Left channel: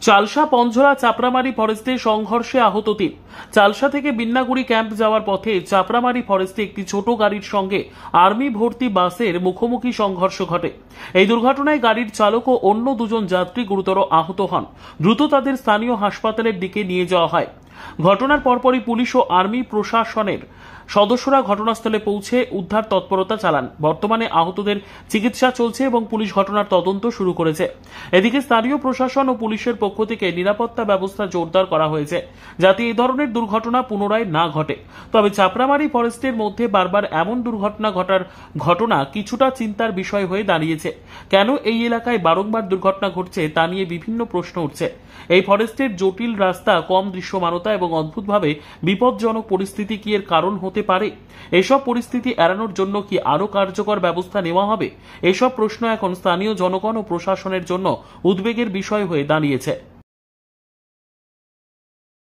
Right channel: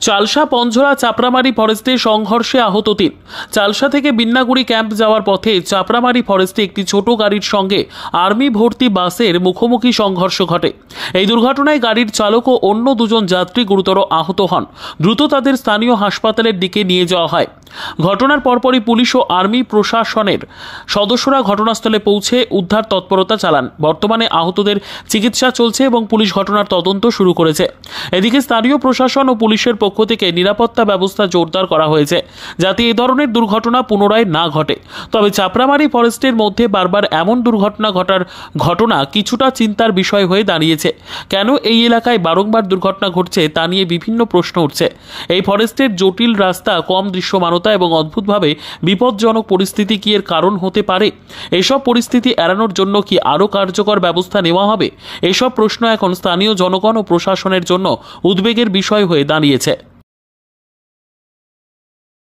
চালসা পঞ্ঝরা চাপড়ামারি ফরেস্টে সংঘর্ষে আহত ৩। চালসা থেকে বিন্নাগুড়ি ক্যাম্প যাওয়ার পথে চাপড়ামারি ফরেস্টে একটি ছোট গাড়ির সঙ্গে আর্মি ভর্তি বাসের মুখোমুখি সংঘর্ষ ঘটে। এই দুর্ঘটনায় গাড়ির চালক ও অন্য দুজন যাত্রী গুরুতর আহত হন। দ্রুত তাদের স্থানীয় হাসপাতালের দিকে নিয়ে যাওয়া হয়। ঘটনার পরপরই পুলিশ ও আর্মি প্রশাসনের সদস্যরা ঘটনাস্থলে পৌঁছে উদ্ধার তৎপরতা চালান। বর্তমানে আহতদের চিকিৎসা চলছে এবং পুলিশ ঘটনার তদন্ত শুরু করেছে। এদিকে স্থানীয় প্রশাসন ও পুলিশের পক্ষ থেকে নিরাপত্তা ব্যবস্থা জোরদার করা হয়েছে, যাতে এ ধরনের দুর্ঘটনা পুনরায় না ঘটে। তবে চাপড়ামারি ফরেস্টের মধ্যে বারবার এমন দুর্ঘটনা ঘটার ঘটনা কিছুটা চিন্তার বিষয় হয়ে দাঁড়িয়েছে। কেন এই এলাকায় বারংবার দুর্ঘটনা ঘটছে তা নিয়ে বিভিন্ন প্রশ্ন উঠছে। এই ফরেস্টের জটিল রাস্তা, কম দৃশ্যমানতা এবং অদ্ভুতভাবে বিপজ্জনক পরিস্থিতি কি এর কারণ হতে পারে? এইসব পরিস্থিতি এড়ানোর জন্য কি আরও কার্যকর ব্যবস্থা নেওয়া হবে? এইসব প্রশ্ন এখন স্থানীয় জনগণ ও প্রশাসনের জন্য উদ্বেগের বিষয় হয়ে দাঁড়িয়েছে।